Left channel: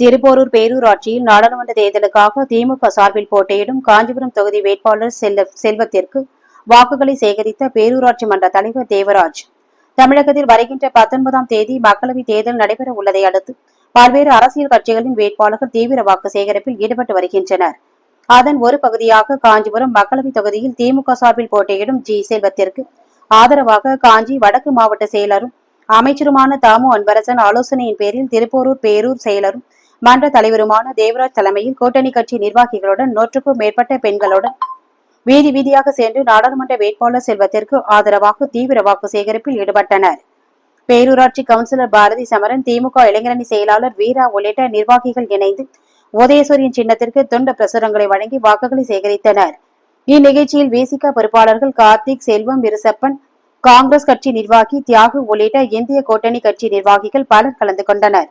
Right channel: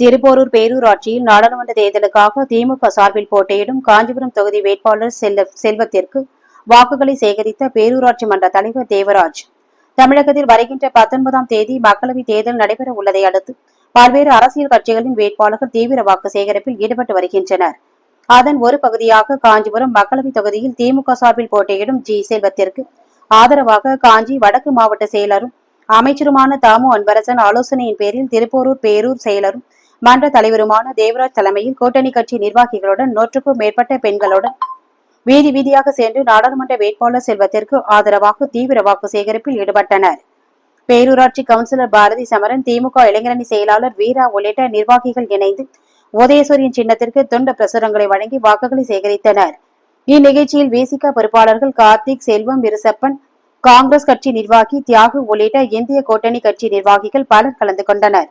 திருப்போரூர் பேரூராட்சியில் நாடாளுமன்ற தேர்தலுக்காக திமுக சார்பில் போட்டியிடும் காஞ்சிபுரம் தொகுதி வேட்பாளர் செல்ல செல்வத்திற்கு வாக்குகளை சேகரித்த பேரூராட்சி மன்ற தலைவர் தேவராஜ். தமிழகத்தில் வருகின்ற பத்தொன்பதாம் தேதி மக்களவைத் தேர்தல் நடைபெற உள்ளதை அடுத்து பல்வேறு அரசியல் கட்சிகளின் வேட்பாளர்கள் தீவிர வாக்கு சேகரிப்பில் ஈடுபட்டு வருகின்றனர். அதன் ஒரு பகுதியாக காஞ்சிபுரம் மக்களவைத் தொகுதியில் திமுக சார்பில் போட்டியிடும் ஜி. செல்வத்திற்கு ஆதரவாக காஞ்சி வடக்கு மாவட்ட செயலரும் அமைச்சருமான தாமு அன்பரசன் ஆலோசனையின் பேரில் திருப்போரூர் பேரூர் செயலரும் மன்ற தலைவருமான தேவராஜ் தலைமையில் கூட்டணி கட்சி நிர்வாகிகளுடன் நூற்றுக்கும் மேற்பட்ட பெண்களுடன் வீதி வீதியாக சென்று நாடாளுமன்ற வேட்பாளர் செல்வத்திற்கு ஆதரவாக தீவிர வாக்கு சேகரிப்பில் ஈடுபட்டனர். பேரூராட்சி கவுன்சிலர் பாரதி சமரன் திமுக இளைஞரணி செயலாளர் வீரா உள்ளிட்ட நிர்வாகிகள் இணைந்து உதயசூரியன் சின்னத்திற்கு துண்ட பிரசுரங்களை வழங்கி வாக்குகளை சேகரித்தனர். இந்நிகழ்ச்சியில் விசிக பொறுப்பாளர்கள் கார்த்திக் செல்வம் விருசப்பன் காங்கிரஸ் கட்சி நிர்வாகி தியாகு உள்ளிட்ட இந்திய கூட்டணி கட்சி நிர்வாகிகள் பலர் கலந்து கொண்டனர்.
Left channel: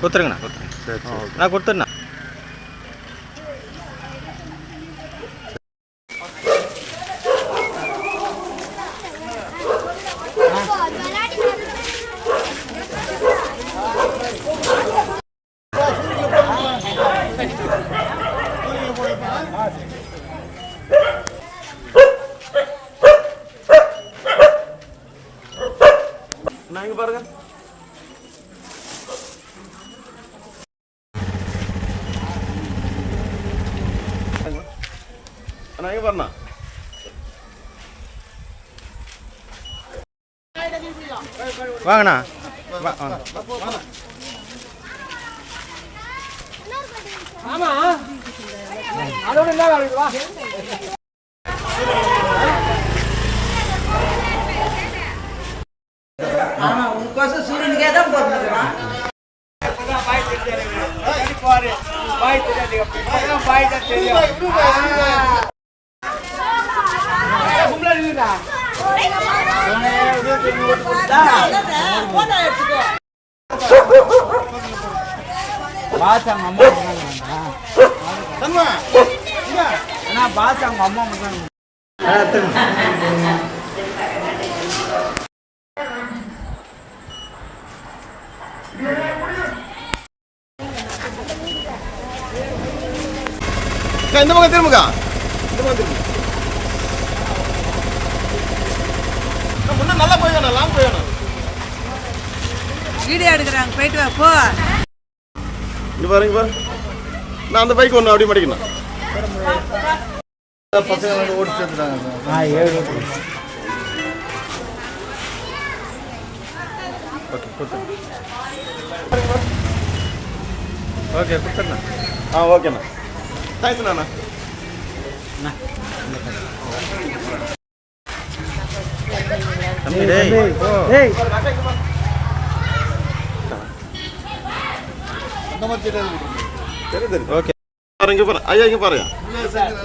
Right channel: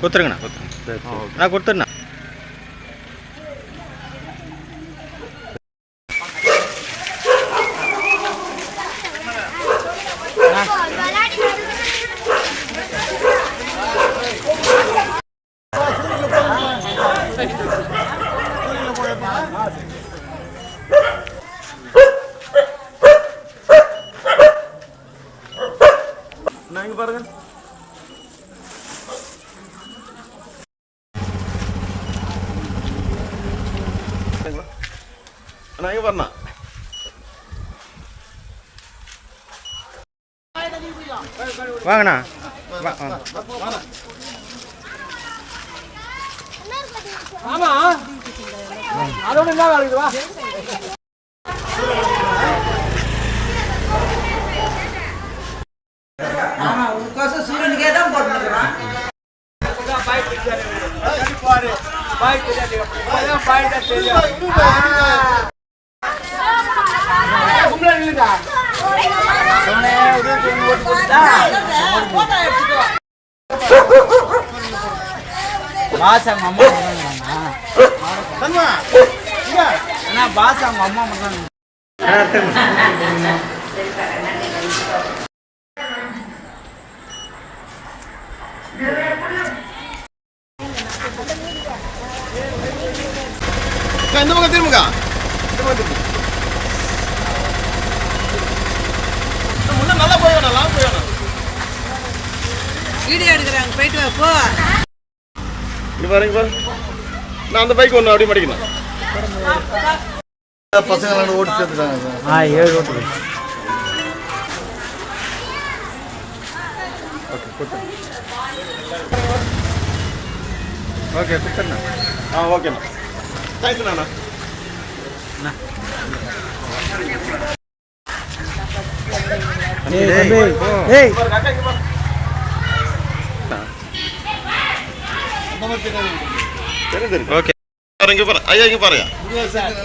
கொடுத்துருங்கண்ணா கொடுத்துருங்க. நான் கொடுத்துருண்ணா பாருங்க. பாருண்ணா வாங்கண்ணா. வா வாங்க. ஆமா உனக்கோசம் சூரியனுக்கே தான் போட்டுருக்குறான் பாசம் அம்மா பாசம் அம்மா அக்கா, இந்த பக்கம் திரும்புக்கா இந்த பக்கம் திரும்பு. நல்லா போய் வேணாம் லாங் போய் வேணாம் வீடியோ எடுக்கிறாங்க. போயிட்டு வா போ. இங்கே பாருங்க பாரு. நான் அந்த பைக் ஒன்று அப்படியே மடிக்கணும். ஓகே கொடுத்துருங்க ஓகே கொடுத்துருண்ணா ஆ ஓகேண்ணா தேங்க்ஸ்ண்ணா அண்ணா தம்பி டேய் போ சரி சரி ஓகே. பாருங்க ஐயா இங்கே பாருங்க.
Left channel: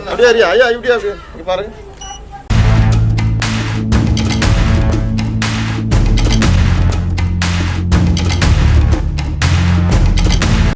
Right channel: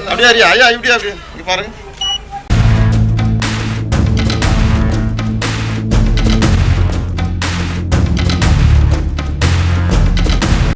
அப்படியே ஐயா இப்படியா இங்கே பாருங்க.